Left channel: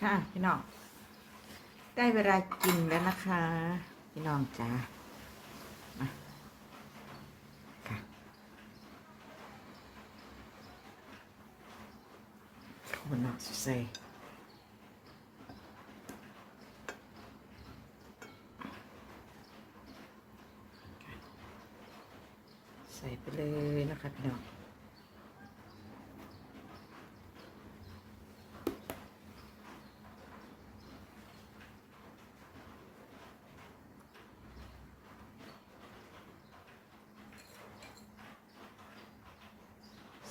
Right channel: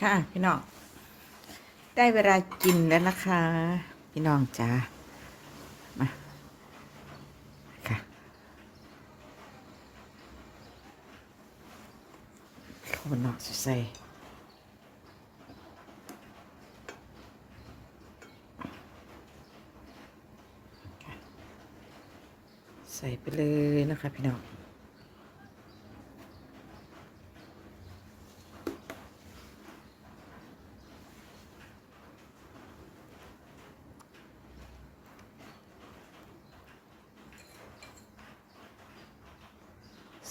ค่ะ พี่น้อง ได้เวลากินแล้วนะคะ พี่น้องจ้ามาค่ะ ข้าวหนอกใส่ใส่ไปเลยนะคะพี่น้อง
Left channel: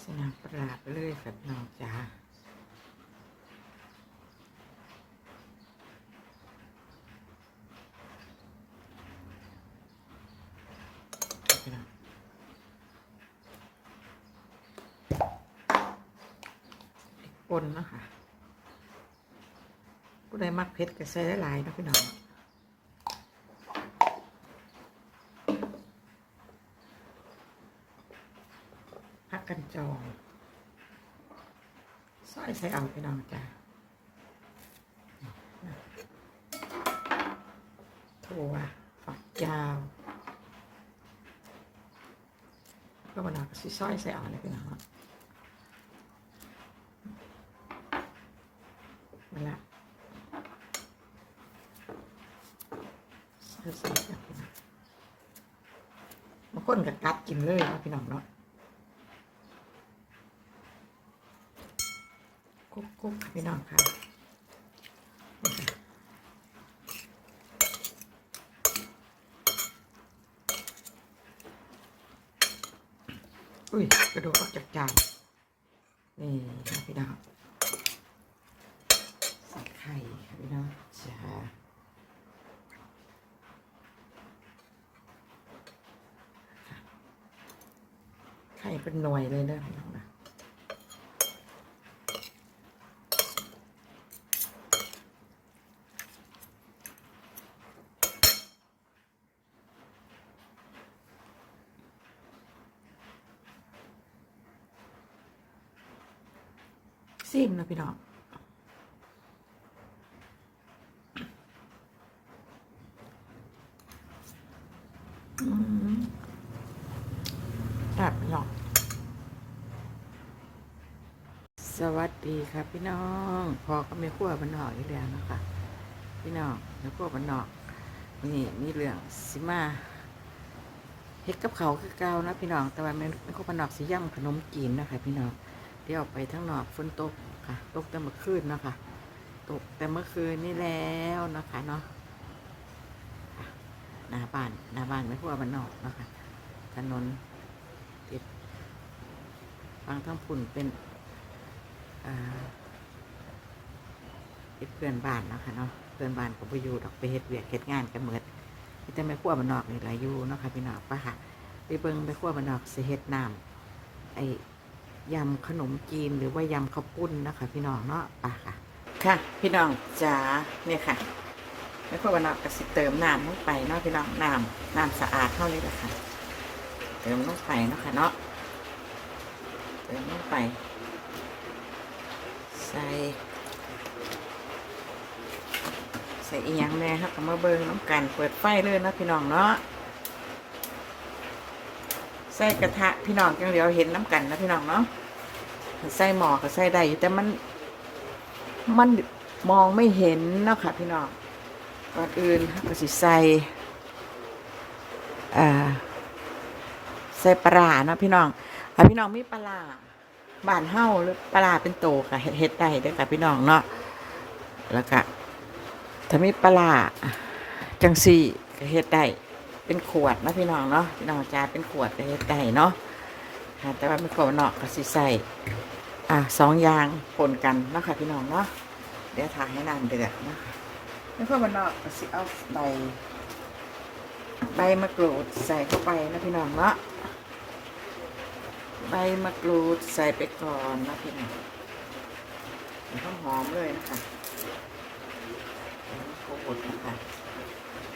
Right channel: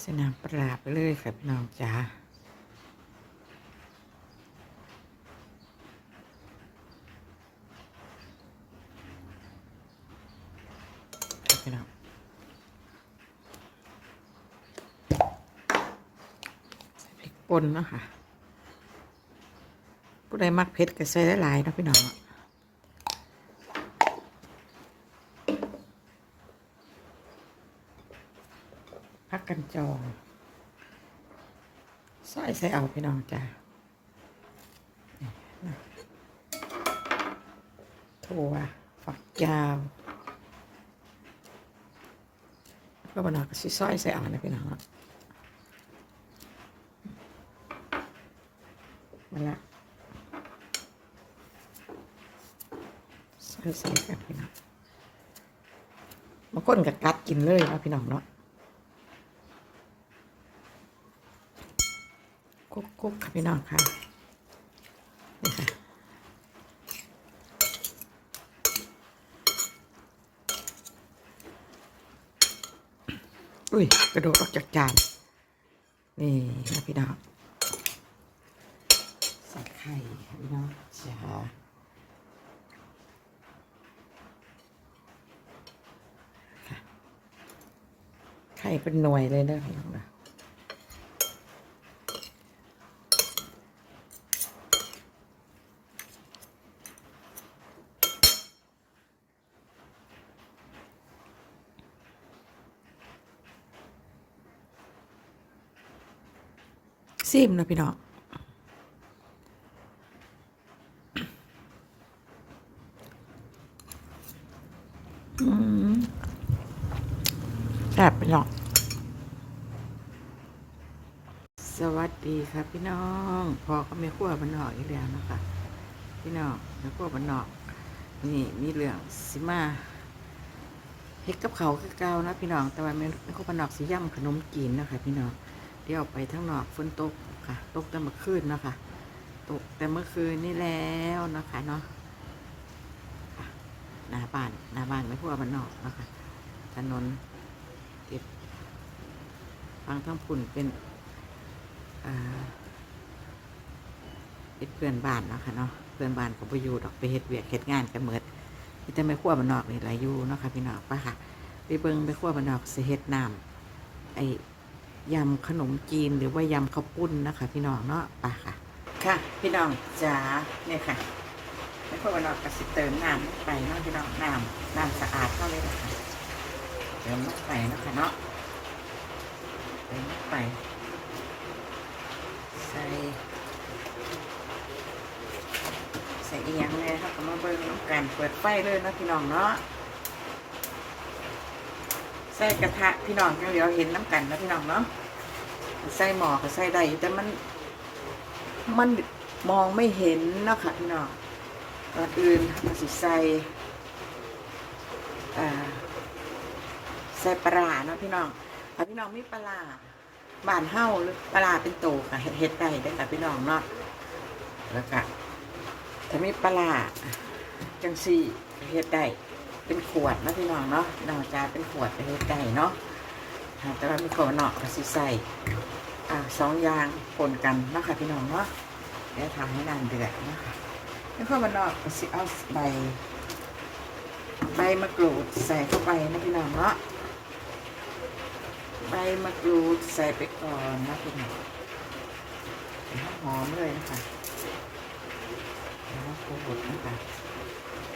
สนามปราบไปเลยค่ะพี่น้องจ๋า พี่น้องใส่พริกป่นเนาะค่ะผู้ใดมักเผ็ดก็ใส่หลายๆนะพี่น้องพักกันจองใส่ใส่เอาพี่น้องจ้าถั่วฝักยาว แล้วก็มันก็สิซอยใส่เอานะพี่น้องเนาะมาละใส่ใส่กันพี่น้องบางคนก็กัดกินเลยนะพี่น้องเนาะกุ๊กกุ๊กพี่น้องค่ะนี่ค่ะอุ้ย กระโดดออกจากจานนี่นะพี่น้องใส่ไข่พี่น้องจ้าค่ะไข่เป็นหน่วยเลยนะพี่น้องนะ ซิมนะพี่น้องแอบพี่น้อง สวัสดีครับพี่น้อง พอก็ไม่ขั้วบันนอกอีกแล้วนะคะพี่น้องไม่ขั้วบันนอกนี่มีเรื่องสิมาเฮ็ดกับเขาคือเก่านะพี่น้อง แต่ว่าไม่ไม่ขั้วบันนอกสิย่ำขนมจีนนะคะพี่น้อง เดี๋ยวไปทั้งหนอกฝนตกค่ะ ตกแต่เมื่อคืนเนาะค่ะ ตกแต่เมื่อคืนนี่แล้วนะคะเนาะหน้าบ้านหน้าบ้านไม่ทั่วบ้านนอกเนาะคะถนนติดฟังทั้งพุ่นเป็นเป็นเพื่อนบ้านเนาะคะเนาะเพื่อนบ้านกับไปอยู่ดอกไปเฮ็ดเวียกเฮ็ดงานกันเหมิดที่จะไม่ขั้วบ้านนอกนี่หลายอยู่เนาะค่ะพี่น้องปะค่ะไปเบิ่งไปขั้วบ้านนอกสิเฮ็ดน้ำไอ ยำขนมจีนหรือว่ายำข้าวปุ้นนะคะ พี่น้องเนาะไปค่ะ ค่ะ พี่น้องจ๋าเนี่ยค่ะ แล้วพอวันนอกก็สิเติมน้ำลงไปเนาะพี่น้องน้ำน้ำสะอาดเท่านี้แหละค่ะ เติมลงไปเนาะค่ะเนาะเติมลงไปใส่ใส่อีย่างแน่ครับมาเบิ่งน้ำกันเปิดไฟเลยเนาะพี่น้องเนาะ ใส่กระทะพี่น้องจังเดียวเห็นน้ำกันนะพี่น้องเนาะใส่หมอก็ใส่ได้แต่มัน มันมองไม่เห็นเนาะค่ะพี่น้องก่อนอื่นก็สิใส่อ่าใส่ปลาเนาะพี่น้องถ้าพี่น้องมีปลาบานเฮ้าหรือปลาเป็นโตค่ะเฮ็ดได้เด้อค่ะพี่น้องเนาะแล้วก็ถ้ามีปลาจังสี่ก็เฮ็ดได้ เป็นขวดนะพี่น้องเนาะพี่น้องจ้าเป็นขวดไปไก่เนาะแต่ว่ามีขวดเนาะก็สิใส่อะสองยางปนกันนะคะพี่น้องเนาะเดี๋ยวถ่ายให้นานเดือดนะแล้วก็มันเนาะก็สิเอาใบใบมะกรูดใส่เข้าไปนะพี่น้องเนาะใบมะกรูดใส่ไปก่อนนะพี่น้องหอมเลยนะคะแล้วโขลกนะคะ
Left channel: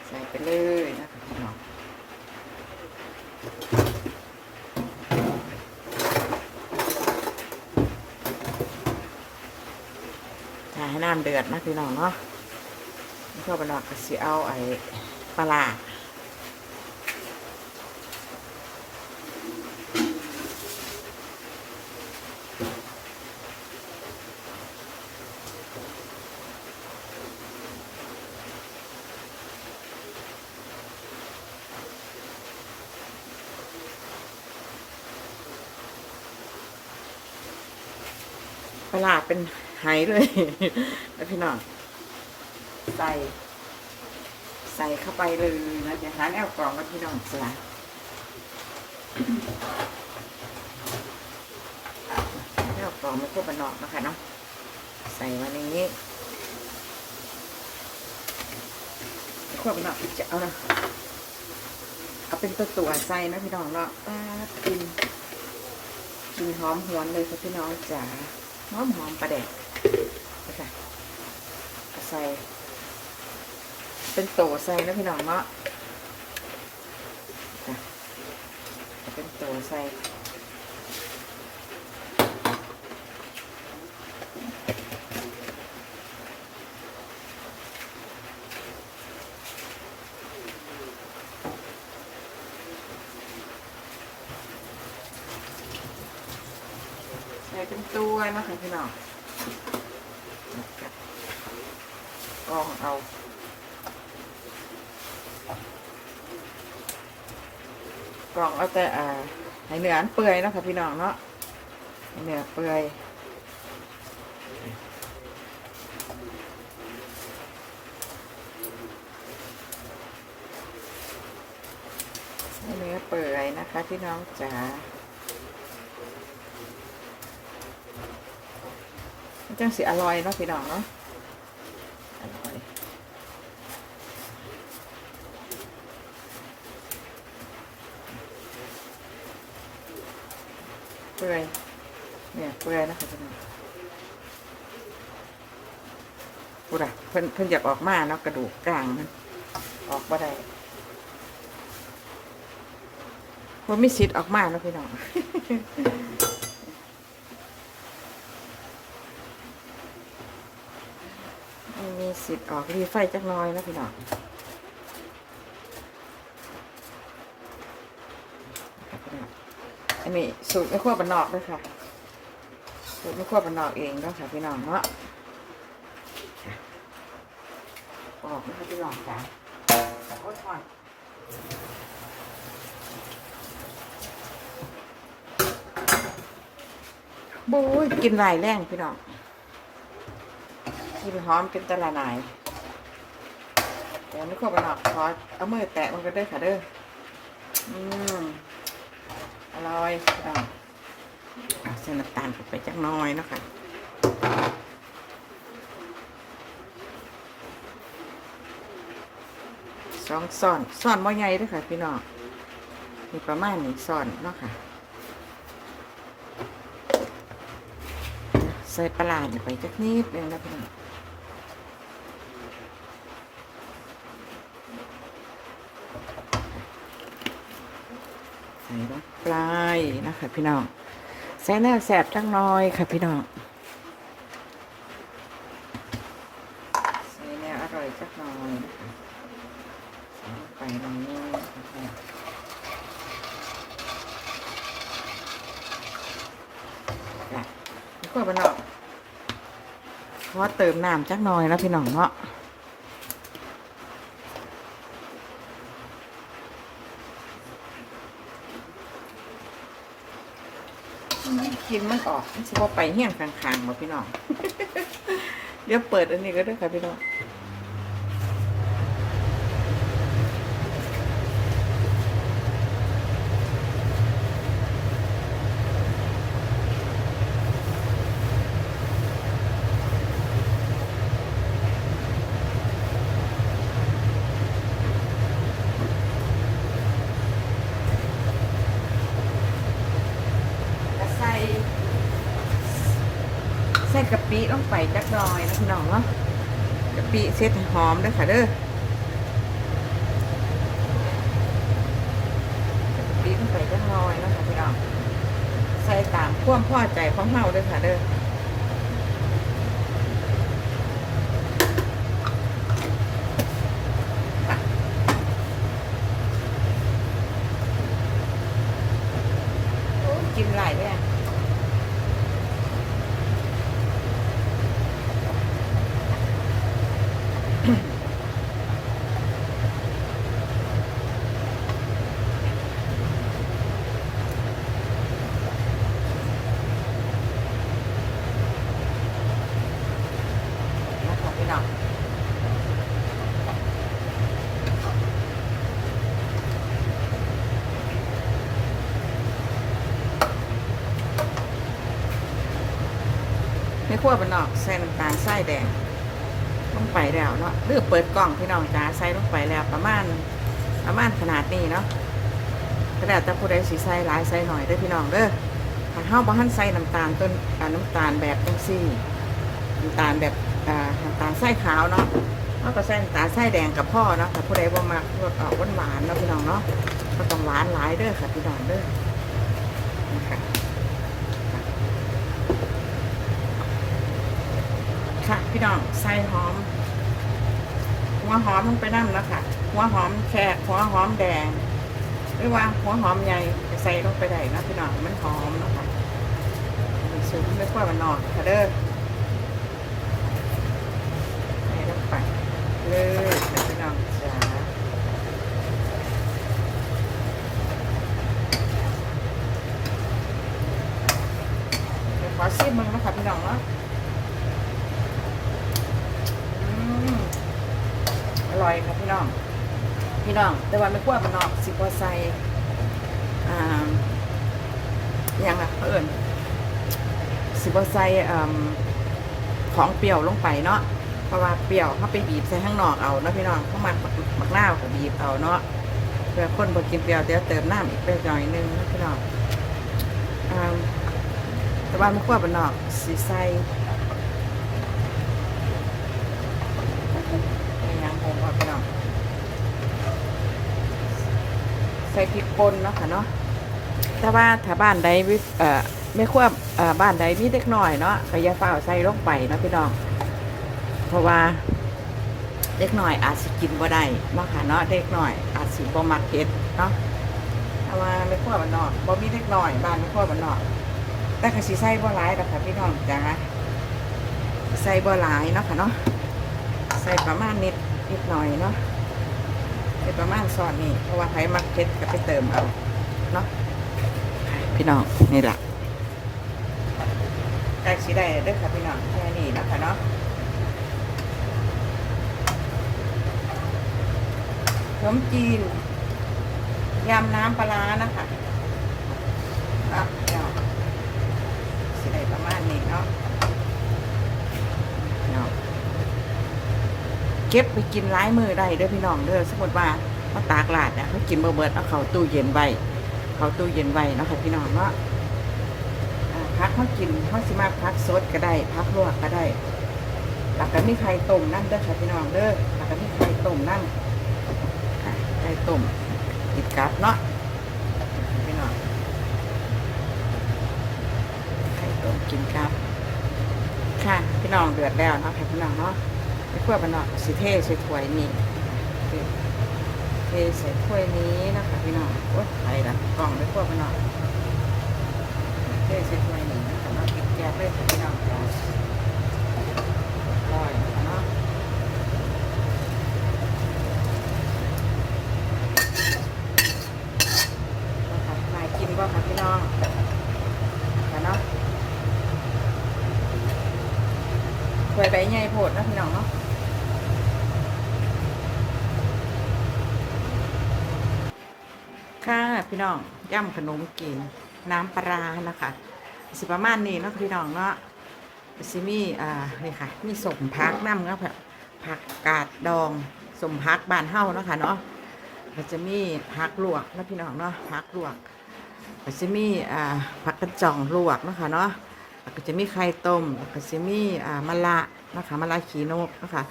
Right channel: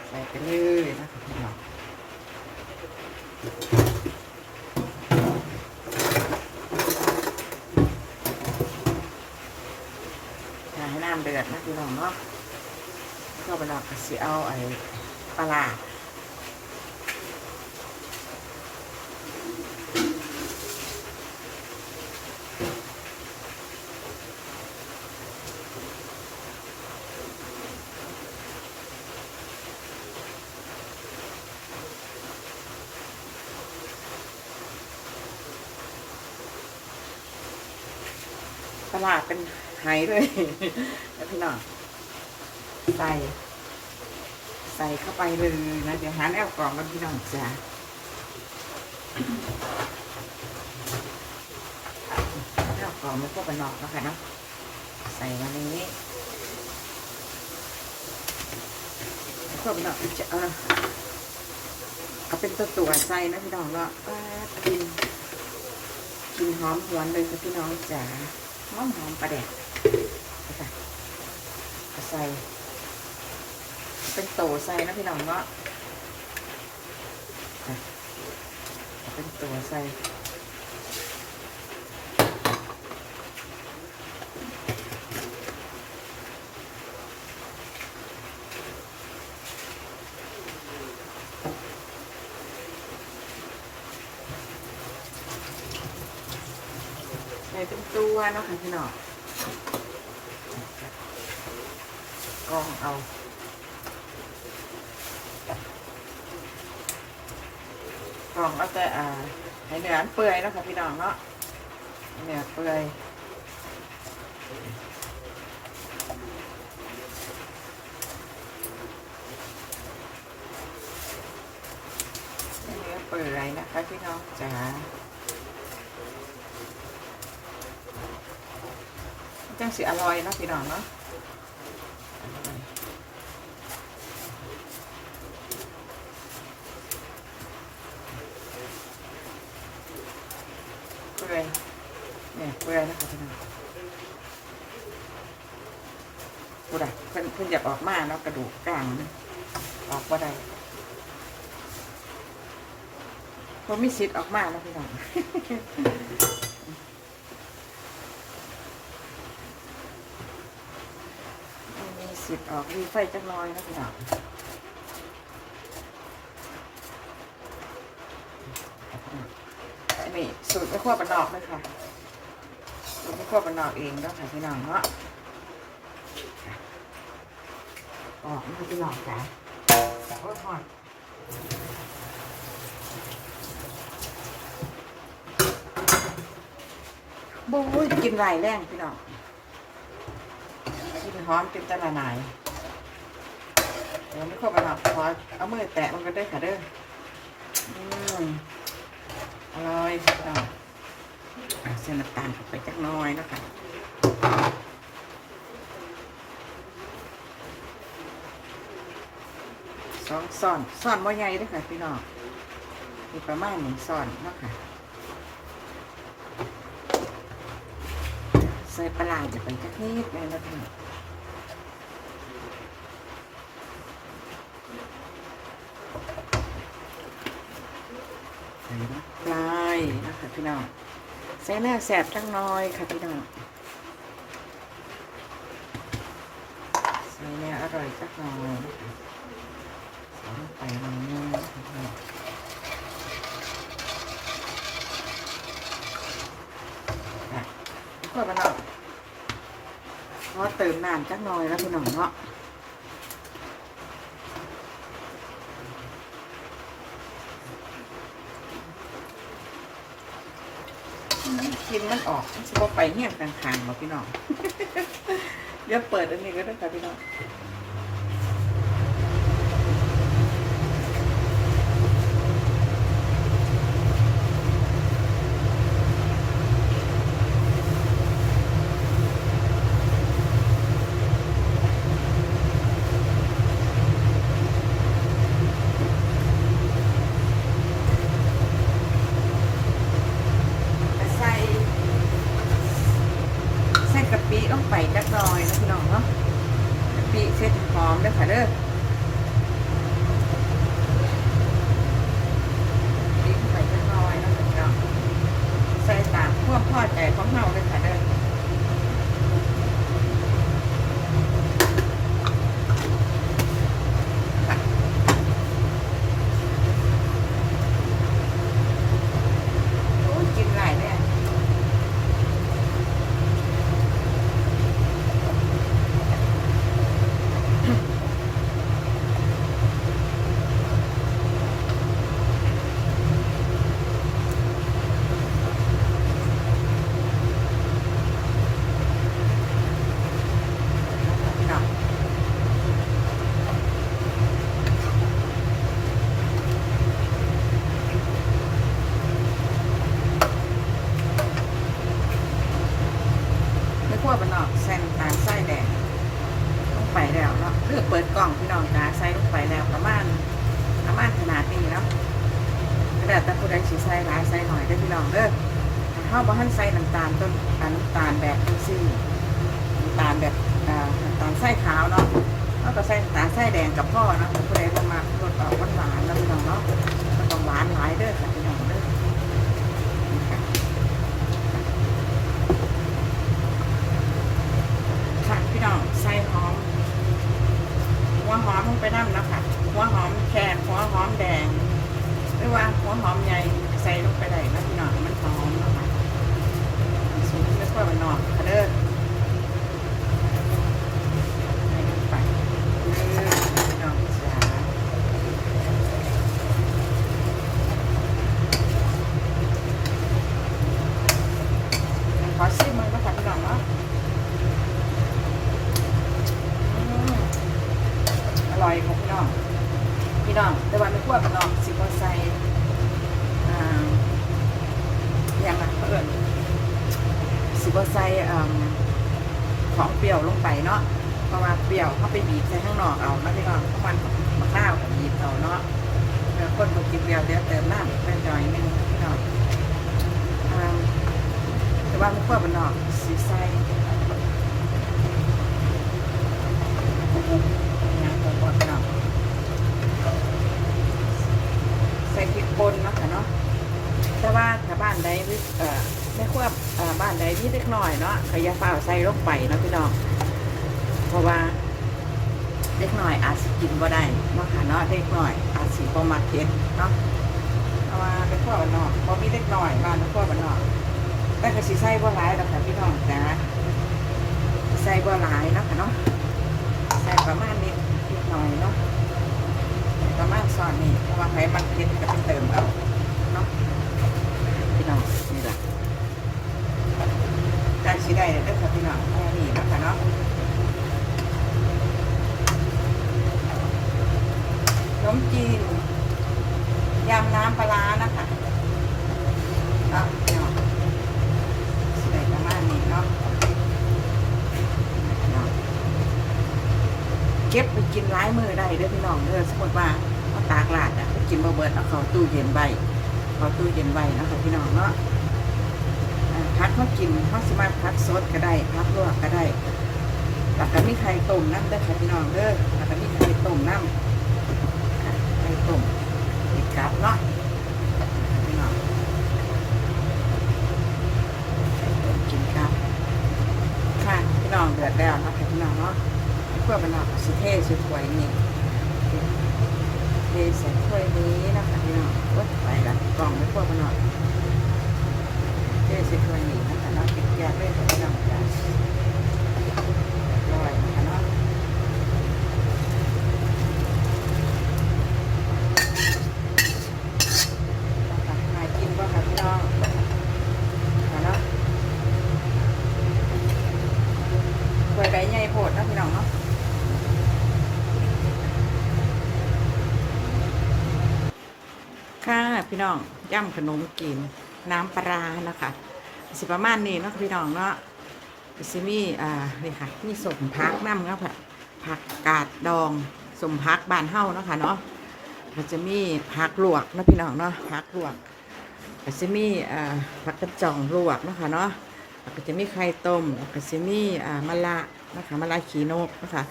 ใส่ไปเลยนะคะพี่น้องถ้าให้น้ำเดือดนะพี่น้องเนาะก็ไปนอกก็สิเอาไอ้ปลา ลาร้าเป็นไหเลยแล้วพี่น้องใส่ ใส่เข้าไปเลยนะเดี๋ยวหาแนวกล่องกันพี่น้องจ้าแนวกล่องมันก็เป็นนอกนะคะเนาะใส่มาในนี้พวกนอกจะเอาเอาเป็นตัวตัวใส่นะพี่น้องว่าป้ากินกินหอมหวนเลยค่ะพี่น้องจ๋า หอมหอมปลาแดดใส่ เป็นโตใส่นะพี่น้องเนาะเป็นโตใส่ ตัวเนาะค่ะพี่น้องลองเอากล่องเอาแต่อ่าให้เนื้ออันเปื่อยเนาะค่ะพี่น้องเนาะเนื้อเปื่อยเนื้อเปื่อยนะคะพี่น้องจ๋ามัน จังสิอร่อยเนาะพี่น้องเนาะเปื่อยเนี่ยเปื่อยนะคะพี่น้องดูได้เพิ่นเพิ่นอยากออกมาเนาะกระดูกกลางมันออกบ่ได้มันไม่สิทธิ์ออกมาเนาะพี่น้อง มี สิทธิ์ออกมีไฟจักน้อยนะพี่น้องอันนี้สูตรไม่ขั้วบันนอกด้วยค่ะ สูตรไม่ขั้วบันนอกเองแล้วค่ะพี่น้องเนาะออกนะคะพี่น้องจ้ะโอ้ยหอนบู๊ยกินหลายแรงพี่น้อง กิหอมเป็นตะละนายเดี๋ยวไม่เข้าไปหลับขอเอามือแตะมันก็ได้ค่ะเด้ออืมอร่อยอะเอาเส้นน้ำตาลไปจักน้อยนะคะสองซ่อนซ่อนบ่ใหญ่ด้วยค่ะพี่น้องมีประมาณหนึ่งซ่อนเนาะค่ะใส่ปลาร้าจะไปจักนิดเลยนะพี่น้อง ใส่ลงไปนะ ค่ะพี่น้องใส่แนวแสบจังน้อยค่ะพี่น้องใส่แนวอร่อยจักน่อยนะคะใส่ลงไปตรงนี้นะคะพี่น้องค่ะแล้วก็พี่น้องเพราะเติมน้ำจักหน่อยนะพี่น้องเนาะ กินมัน ออกมันจะว่าไปเฮี้ยงกลางๆมาพี่น้อง เดี๋ยวเปิดอันนี้ก็ได้ค่ะพี่น้องใส่ ใส่กะปิลงไปจักหน่อยนะพี่น้องเนาะกะปิเสร็จหอมเด้อค่ะเด้อกะปิลงไปจักหน่อยนะพี่น้องใส่ตามความพอ ใจของเฮาเลยค่ะเด้อ มาณขนาดนี้เนาะกระดาษแต่ผู้ใดสีใส่หลายใส่หน่อยเด้อพี่น้องเด้อถ้าเฮาบ่ทันใส่น้ำตาลต้นอ่าน้ำตาลแบบจังซี่น้ำตาลแบบอ่าน้ำตาล ไส้ขาวเนาะแล้วก็ไส่น้ำตาลไส้แดงกับพ่อเนาะแต่ผู้ใดบ่มาพวดออกหวานๆนะพี่น้องเนาะก็ต้องหวานหลายเด้อค่ะพี่น้องเด้อค่ะพี่น้องใส่หอม หัวหอมลงไปนั่งแล้วค่ะ หัวหอมแขกหัวหอมแดง หรือว่าหัวหอมใหญ่ใส่ลงไปได้นะพี่น้องให้มันหอมนะคะสูงไม่ค่อยมันนอกค่ะเด้อใส่ลงไปเลยพี่น้องจ้าขอซิมมันนะคะพี่น้องเนาะอืม อร่อยค่ะพี่น้อง พี่น้อง แต่ว่าไม่ขั้วมันนอกสิบว่าใส่อ่าอย่างไรเพิ่นสิบว่าใส่อ่าของเปรี้ยวลงไปเนาะ เพราะว่าเปรี้ยวเขาไปบีบใส่ข้างนอกเอาเนาะพี่น้องเพราะมันมักหน้าวก็บีบเอาเนาะเพื่อ คนบอกกินเปรี้ยวเดี๋ยวเติมน้ำไปหน่อยนึงพี่น้องแต่ว่าไม่ขั้วมันนอกสีใส่ยังคงว่าพี่น้องใส่พริกป่นเนาะค่ะเนาะถ้าว่าถ้าบ้านใดวิเอ่อไม่ควบเอ่อบ้านใดมีเล็กน้อยเนาะก็อย่าฝ่าใส่ลงไปเนาะพี่น้อง เพราะว่าเล็กน้อยอาจสิกินว่าได้เนาะค่ะเนาะเล็กน้อย อาจสิบ่มักเผ็ดเนาะเพราะว่าไม่ควบบ้านนอกบ่มีเล็กน้อยบ้านไม่ควบบ้านนอกแต่ก็สิใส่บ่หลายดอกค่ะพี่น้องจ้าใส่บ่หลายเนาะค่ะเนาะใส่ประมาณนิดนิดหน่อยเนาะใส่ประมาณซอนนี่เพราะว่าใครมักเผ็ดก็ไปเติมเอาเนาะพี่น้องนี่แหละการชีได้เด้อค่ะพี่น้องแค่นี้เนาะคะเนาะ นมจีนยำน้ำปลานะคะเนาะพี่น้องสิได้ประมาณนี้เนาะเนาะเก็บไปกินร้ายมือได้เด้อพี่น้องเด้อสมมติว่ามาตากลาดเนี่ยเขากินเบ่เบิร์ดเอาเข้าตู้เย็นไว้เข้าตู้เย็นไว้เนะคะพี่น้องเนาะอ่าพักเขากินเขาสามารถพักสดก็ได้พักลวกก็ได้แล้วก็มีไข่ต้มน้ำเด้อค่ะพี่น้องเด้อแล้วก็มีไข่ต้มน้ำ ต้มติดกับเนาะพี่น้องไข่ต้มกินครับค่ะพี่น้องเดือดแล้วนะค่ะพี่น้องเนาะถ้วยมันออกสิเทใส่ถ้วยนี้เทใส่ถ้วยนี้นะคะพี่น้องโอ๊ยไปละกล่องไม่ควรมันออกเทใส่ถ้วยนี้นะคะน้องปิดแยก๊สเลยค่ะพี่น้องอร่อยนะคะเนาะมากินบ่ค่ะพี่น้องมาเนาะ ถ้วยใบใหญ่โพดนะพี่น้องเนาะค่ะพี่น้องย่ำขนมกินน้ำปลานะคะสิประมาณนี้เนาะพี่น้องเนาะสิมีอ่านี่ค่ะมีสมพักน้ำครับผักกาดดองสมพักบานเฮ้าเนาะค่ะเนาะมันจะมีผักลวกนะพี่น้องเนาะผักลวกก็จะมีอ่าผักกระจ่องลวกนะคะเนาะ แล้วก็จะมีไข่ต้มแล้วก็จะมีอ่ามะละนะคะมะละขีนกนะคะ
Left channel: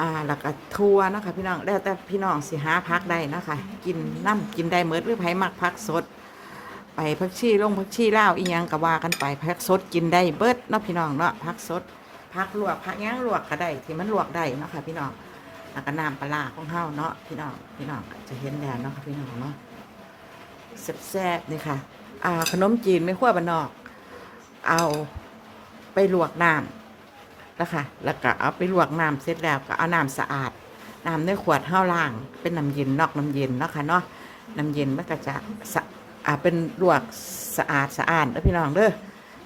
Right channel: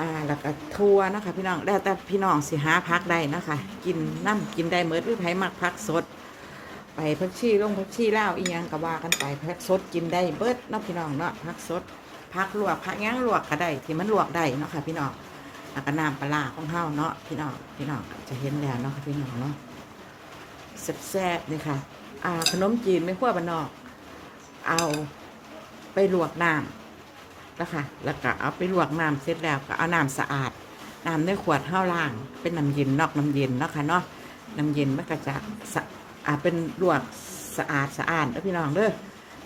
อ่าแล้วก็ทัวนะคะ พี่น้องแล้วแต่พี่น้องสิหาพักได้นะคะ กินน้ำกินได้เมื่อหรือไผ่มักพักสด ไปพักชีลงพักชีเล่าอีหยังก็ว่ากันไปพักสดกินได้เบิดเนาะพี่น้องเนาะพักสดพักลวกพักย่างลวกก็ได้ที่มันลวกได้เนาะค่ะพี่น้องแล้วก็น้ำปลาร้าของเฮาเนาะพี่น้องพี่น้องจะเห็นแล้วเนาะค่ะพี่น้องเนาะแซ่บๆนี่ค่ะอ่าขนมจีนไม่ขั้วบานนอก เอาไปลวกน้ำแล้วค่ะแล้วก็เอาไปลวกน้ำเสร็จแล้วก็เอาน้ำสะอาด น้ำในขวดห้าล่าง เป็นน้ำเย็นนอกน้ำเย็นเนาะค่ะเนาะ น้ำเย็นมันก็จะสะอ่าเป็นลวกสะอาดสะอาดแล้วพี่น้องเด้อ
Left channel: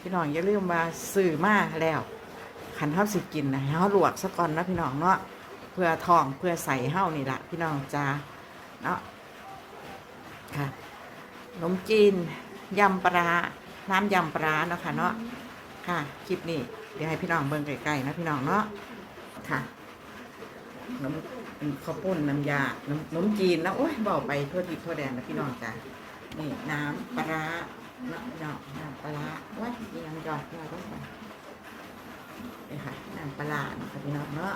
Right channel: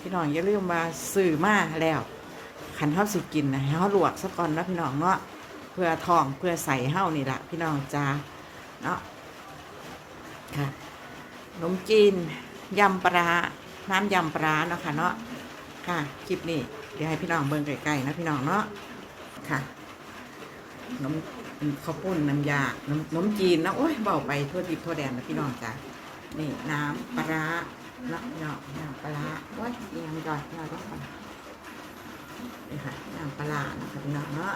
พี่น้องอย่าลืมมาซื้อมาแล้วขันเฮาสิกินนะให้เฮาลวกซะก่อนนะพี่น้องเนาะ เพื่อทองเพื่อใส่เฮานี่ละพี่น้องจ้าเนาะค่ะขนมจีนยำปลา น้ำยำปลาเนาะค่ะเนาะค่ะคลิปนี้เดี๋ยวให้พี่น้องเบิ่งไกลๆนะพี่น้องเนาะค่ะนมเป็นข้าวปุ้นน้ำยาน้ำนมจีนนะโอ้ยเบาไปทั่วทิศทั่วแดนนะพี่น้องจ้ะนี่น้ำปลาเนาะพี่น้องน้ำปลาร้าว้ยยังยอดยอดต้องไปนี่ค่ะน้ำปลาเนาะค่ะพี่น้องเนาะ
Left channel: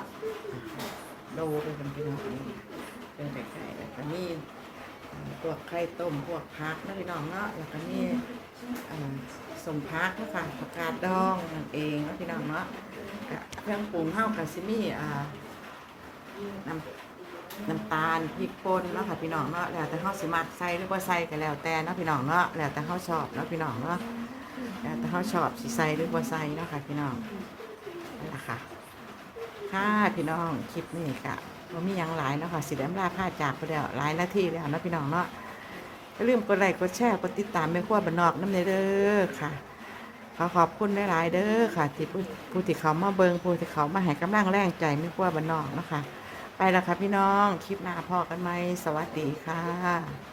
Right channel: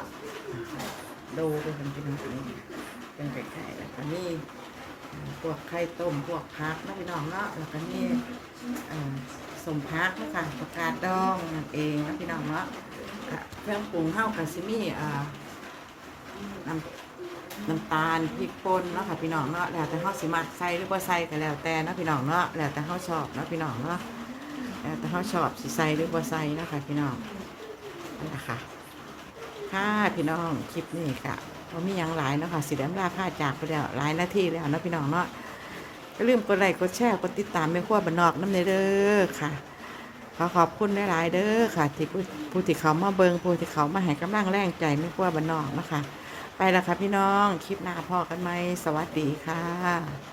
ดูเป็นคนพี่น้องนี่เป็นไก่ๆแล้วก็นี่ พวกไข่ต้มพวกพักนะพี่น้องเนาะแล้วก็นี่สมพักนะคะผักกาดดองนั่นเองนะพี่น้องเนาะเครื่องปรุงเฮากับซิมี่น้ำน้ำตาลพริกป่นเนาะค่ะพี่น้องเนาะแล้วแต่เฮาสิมักใส่หรือบ่ใส่ก็แล้วแต่นาะพี่น้องเนาะแล้วแต่เฮาชอบเนาะพี่น้องเนาะแล้วแต่เฮาชอบสิใส่หรือบ่ใส่เนาะค่ะพี่น้องนั่นแหละค่ะค่ะพี่น้องคลิปนี้ค่ะ ว่ามีอย่างหลายเนาะค่ะสิแดมลาพาจากไปแล้วหลายนาทีแล้วนะพี่น้องเนาะอย่าลืมกดไลค์กดแชร์กดติดตามแม่ขั้วบ้านนอกน้ำเนเด้อค่ะ ขอขอบคุณหลายๆเด้อค่ะ ที่ผู้ผู้ที่เขามาเบิงผู้ที่เขามาให้กำลังแรงใจไม่ขั้วบ้านนอกเนาะคะไปแล้วค่ะพี่น้องคลิปหน้าพอกันไหมสวัสดีค่ะ